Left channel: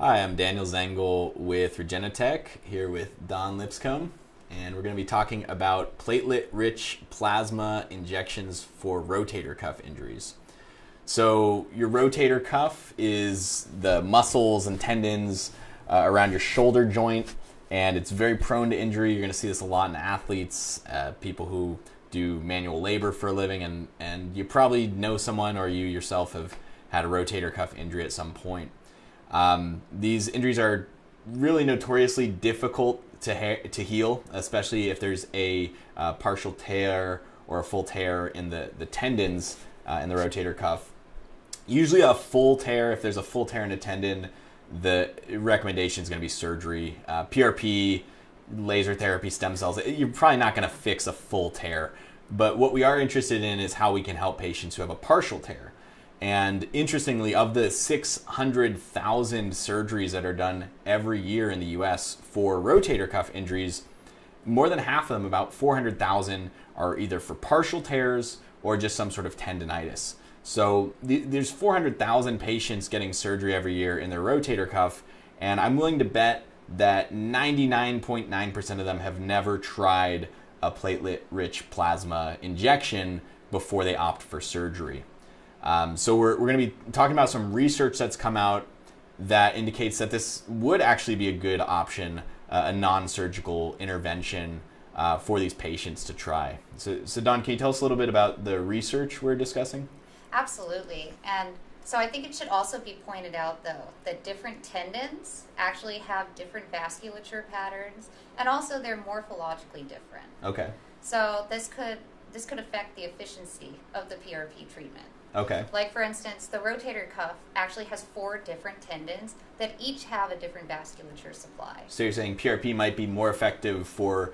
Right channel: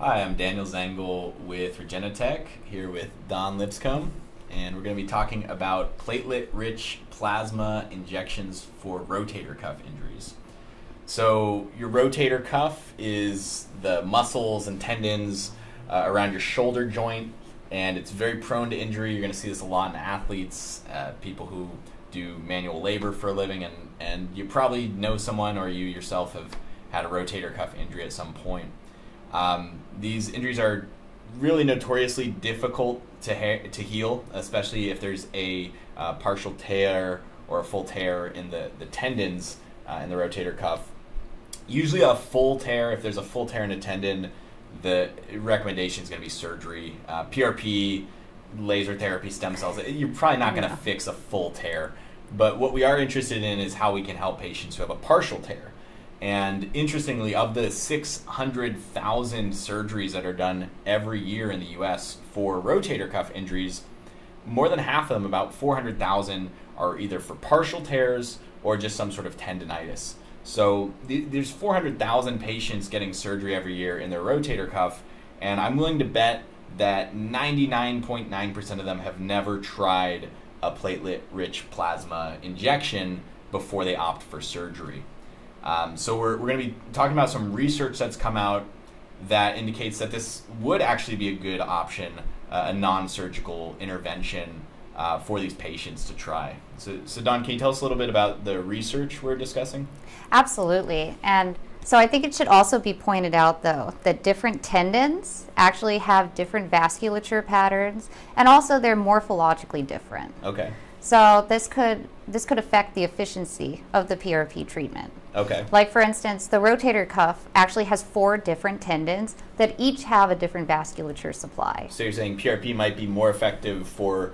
Hi, I'm Daniel Zengel with Regenitech, here with Dawn Lipscomb, and we're going to be talking about platelet-rich plasma injections for rotator cuff injuries. So your rotator cuff is the muscles and tendons around your shoulder joint, and it's very prone to injury. You're going to see this a lot in athletes, people who do manual labor for a living, and you probably know someone or you yourself have had a rotator cuff injury at some point. These injuries are really notoriously difficult to heal, especially if there's a partial tear or a full tear in the tendons in the rotator cuff. Usually a full tear, if there's a full tear in a tendon, the recommendation is going to be surgery. PRP, laser therapy, stem cells, you're probably not going to fix a full tear. But what we are interested in is how we can help patients who have a partial tear. And interestingly, of the 600,000 surgeries that are done every year in the US for rotator cuff injuries, more than half of them, about 400,000, are either for partial tears or just some sort of tendonitis. So there's 400,000 patients getting surgery every year in their rotator cuff, and I'm willing to bet that 99.9% of them have never tried a platelet-rich plasma injection before they opt for surgery. So we're going to be talking about some research that's come out that indicates that this would actually be a good option, a non-surgical intervention for these patients to try. So Dawn, can you tell us a little bit about the research we're discussing? Absolutely. And so I think it should also be pointed out, though, that different tendons actually have different vasculature patterns, and also they're morphologically different. Okay. So this could affect the efficiency of the PRP treatment. Okay. Like, for instance, the rotator cuff actually has 4 different tendons that each have a different vasculature supply. So you're saying PRP might be more effective for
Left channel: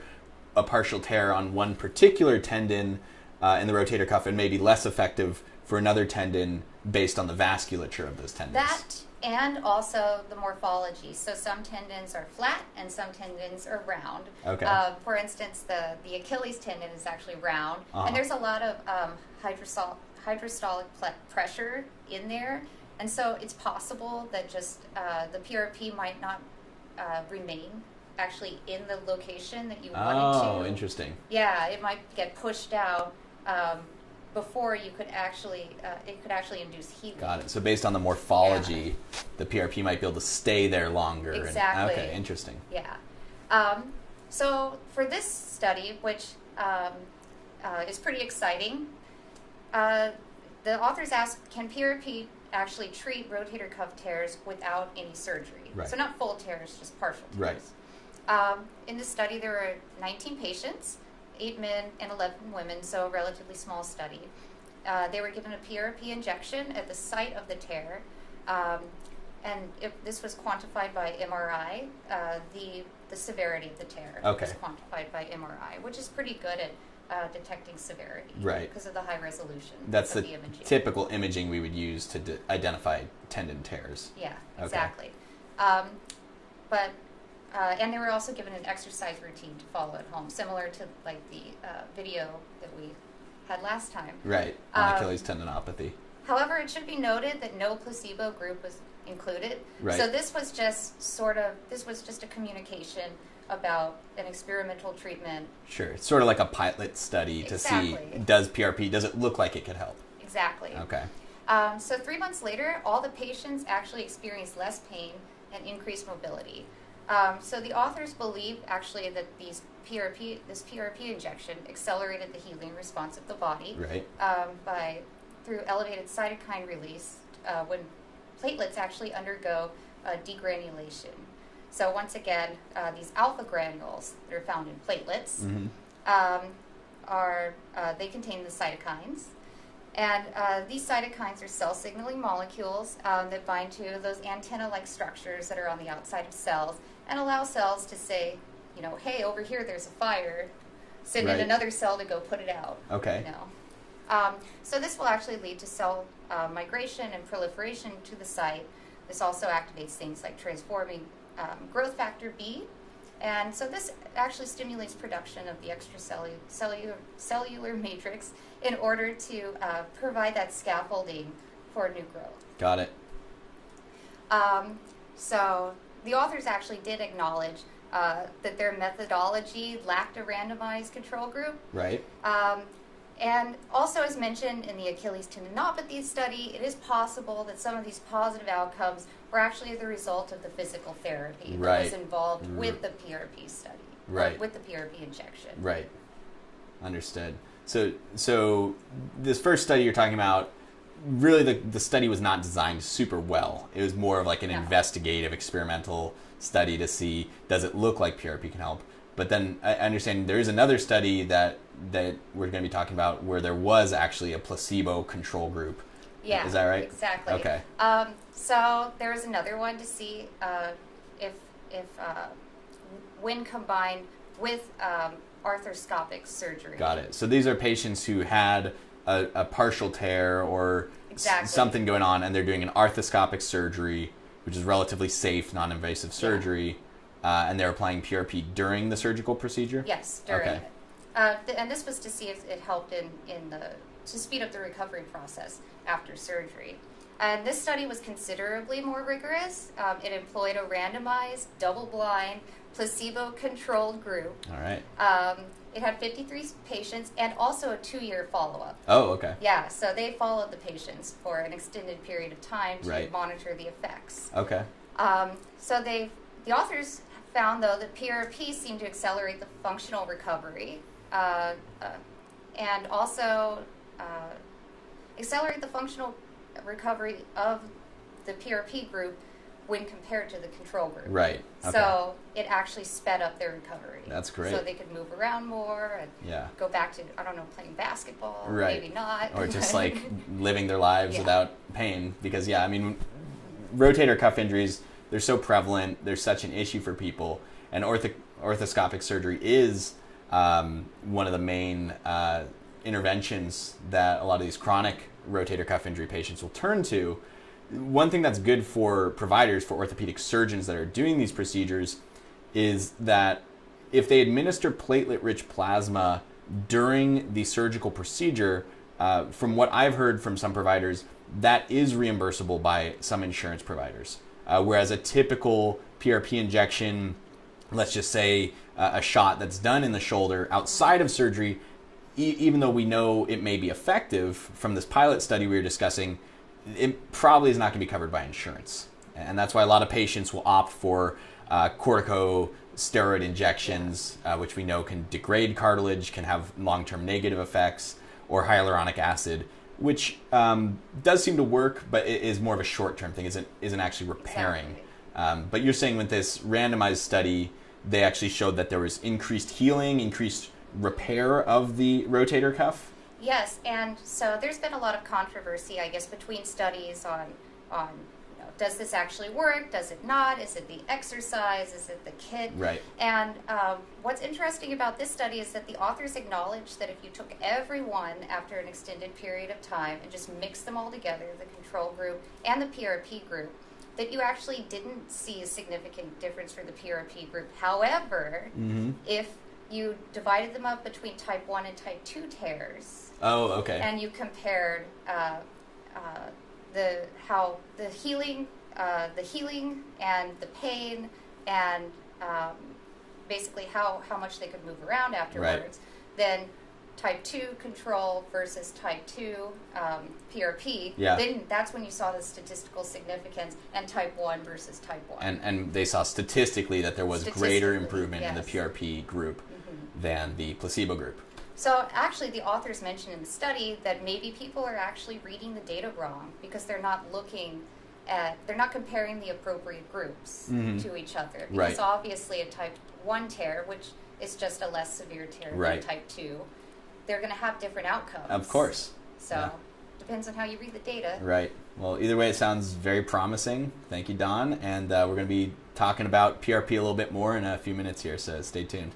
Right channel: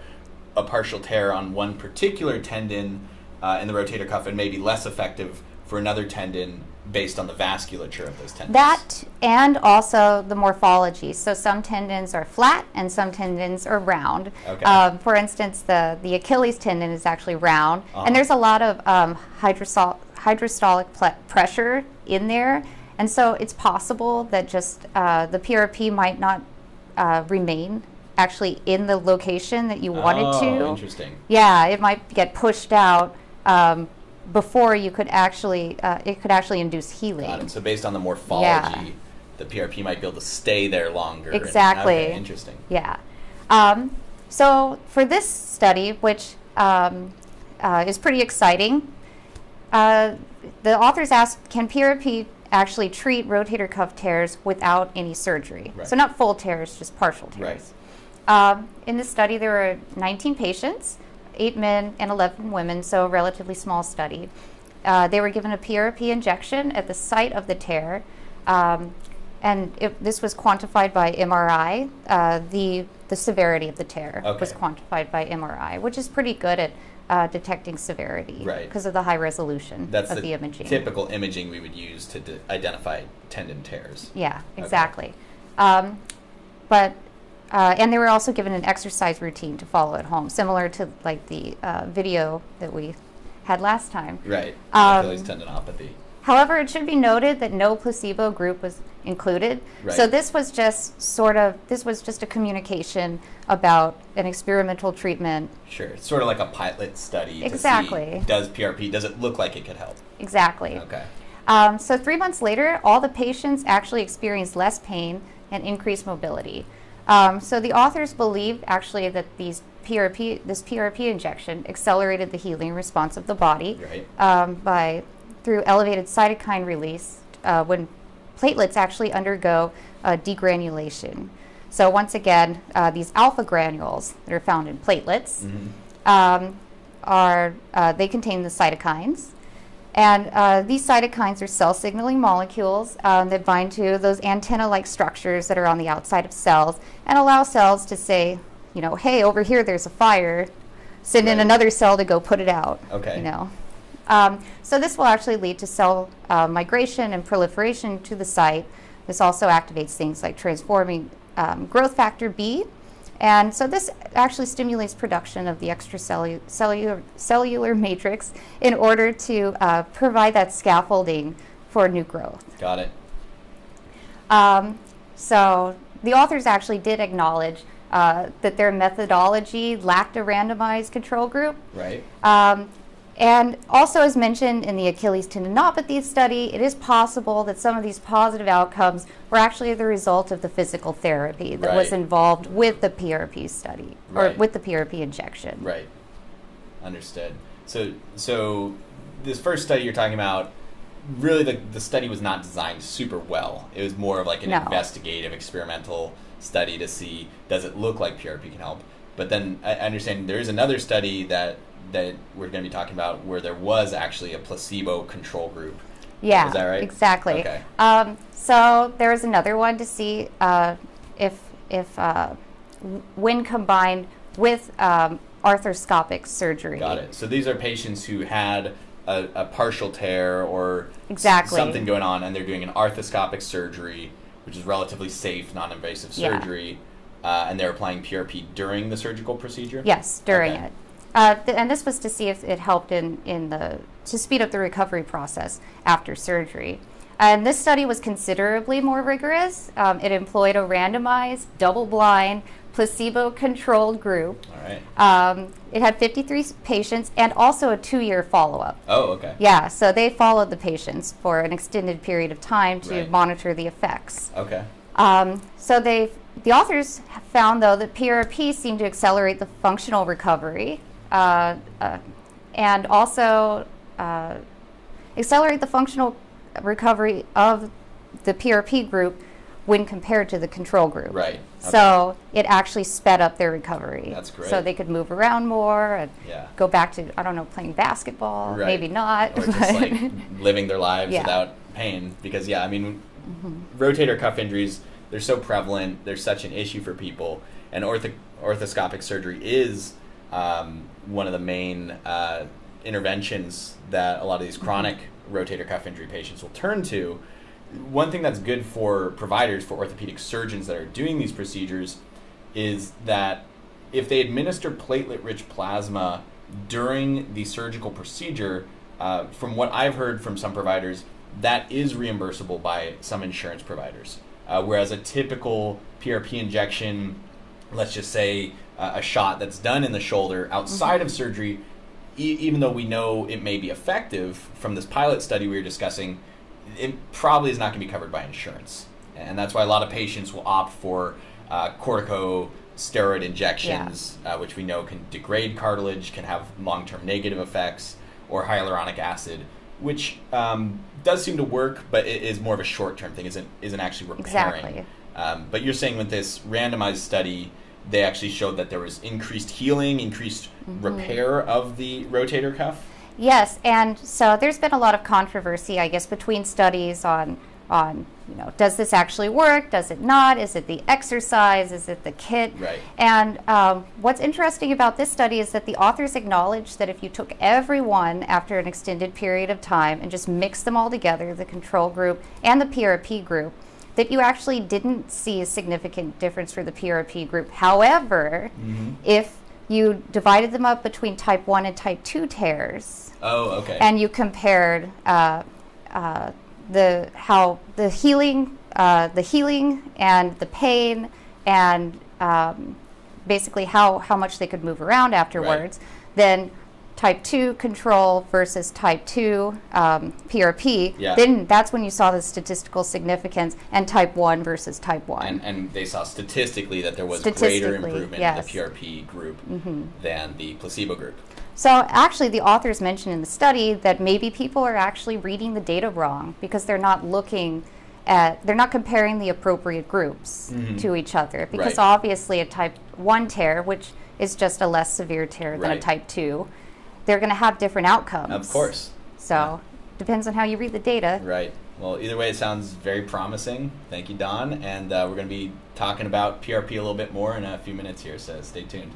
a partial tear on one particular tendon in the rotator cuff and maybe less effective for another tendon based on the vasculature of those tendons. That, and also the morphology. So some tendons are flat and some tendons are round. Okay. For instance, the Achilles tendon is actually round, and there's a lot of hydrostolic pressure in there, and so it's possible that just the PRP might not remain actually in the location that you want it to. Oh, interesting. Yeah, it might get pushed out before you could actually, it could actually induce healing. Got it. So based on the morphology, the PRP might be able to stay there longer. Exactly. Okay, interesting. Yeah. So for this study, which is pretty exciting, the authors asked, can PRP actually treat rotator cuff tears without any surgery? Right. So not full tears, just partial tears. Right. In this study, there were 19 patients, 8 men and 11 women, so a relatively small study. They were given a PRP injection at the site of the tear, and this was quantified by MRI. The severity of the tear was quantified by MRI, which is pretty good at detecting severity because of the high resolution of the imaging. Typical imaging we would use to identify tendon tears. Yeah, exactly. And they were also given an exercise routine to follow at home, similar to like the video that we had last time. Right, Achilles tendinopathy. However, it should be noted that no placebo group was included. Right. So this was just a communication about an experimental treatment. Sure, it's sort of like a pilot study to see, does it look like it could help? Exactly. Okay. So 3 months later, all the patients actually experienced less pain and increased mobility. So the authors believed actually that this PRP injection accelerated the healing response of the body through elevated cytokine release when platelets actually undergo degranulation. So once again, these alpha granules that are found in platelets they contain the cytokines. And these cytokines are cell signaling molecules that bind to those antenna-like structures that are on the outside of cells and allow cells to say, you know, hey, over here there's a fire, send in another cell to go put it out. Okay. You know. So this will actually lead to cell migration and proliferation to the site. This also activates things like transforming growth factor B. And so this actually stimulates production of the extracellular matrix in order to provide that scaffolding for new growth. Got it. So the authors actually did acknowledge that their methodology lacked a randomized control group. Right. And also, as mentioned in the Achilles tendinopathy study, it is possible that some of these positive outcomes were actually the result of the physical therapy that was involved with the PRP study, or with the PRP injection. Right. Understood. So this first study you're talking about, really the study was not designed super well. It was more of like an investigative, experimental study to see, does it look like PRP can help? But then I understand there is another study that we're going to be talking about where there was actually a placebo control group. Yeah, is that right? Exactly. Okay. So there was another one to see if when combined with arthroscopic surgery. Got it. So these are patients who had a partial tear or something going on, and they're doing an arthroscopic surgery, which is relatively safe, non-invasive surgery, and they're applying PRP during the surgical procedure? Yes, during it. And this was to see if it helped to speed up the recovery process after surgery. And this study was considerably more rigorous. It employed a randomized, double-blind, placebo-controlled group. All right. It had 53 patients and also a 2-year follow-up. Oh, okay. Yeah, so they followed the patients for an extended period of time to monitor the effects. Okay. So the authors found, though, that PRP seemed to accelerate the functional recovery and also accelerate the functional recovery of the PRP group when compared to the control group. Right. Okay. So it actually sped up their recovery. That's great. So they could move around more and go back to, I don't know, playing basketball, maybe not. Or just like living their lives without pain. Because, I mean, rotator cuff injuries, they're so prevalent, they're such an issue for people. And orthoscopic surgery is one of the main interventions that a lot of these chronic rotator cuff injury patients will turn to. One thing that's good for providers, for orthopedic surgeons that are doing these procedures, is that if they administer platelet-rich plasma during the surgical procedure, from what I've heard from some providers, that is reimbursable by some insurance providers. Whereas a typical PRP injection, let's just say a shot that's done in the shoulder outside of surgery, even though we know it may be effective from this pilot study we were discussing, it probably is not going to be covered by insurance. And that's why a lot of patients will opt for corticosteroid injections, which we know can degrade cartilage, can have long-term negative effects, or hyaluronic acid, which does seem to work, but it is more of a short-term thing, isn't actually repairing. Exactly. But you're saying with this randomized study, they actually showed that there was increased healing, increased repair of the rotator cuff? Yes, and so there's been a lot of controversy, I guess, between studies on does this actually work? Does it not? Is it the exercise? Is it the kit? Right. And what's interesting about this study is that the authors acknowledged that if you took everyone after an extended period of time and just mixed them all together, the control group and the PRP group, that you actually didn't see a significant difference for the PRP group. However, if you divided them up between type 1 and type 2 tears, and you compared the healing and the pain and basically how much they could move around afterwards, then type 2 control versus type 2 PRP, then that's when you saw the statistical significance, and type 1 versus type 1. And they saw statistically that there was greater improvement in the PRP group than the placebo group. So actually the authors mentioned in the study that maybe people are actually reading the data wrong because they're not comparing the appropriate groups to each other, because obviously a type 1 tear, which is just a less severe tear than a type 2, they're going to have different outcomes. Of course. So depends on how you read the data. Right. Well, either way, it sounds very promising. Thank you, Dawn. And we're going to be talking about PRP a little bit more in a few minutes here, so stay tuned.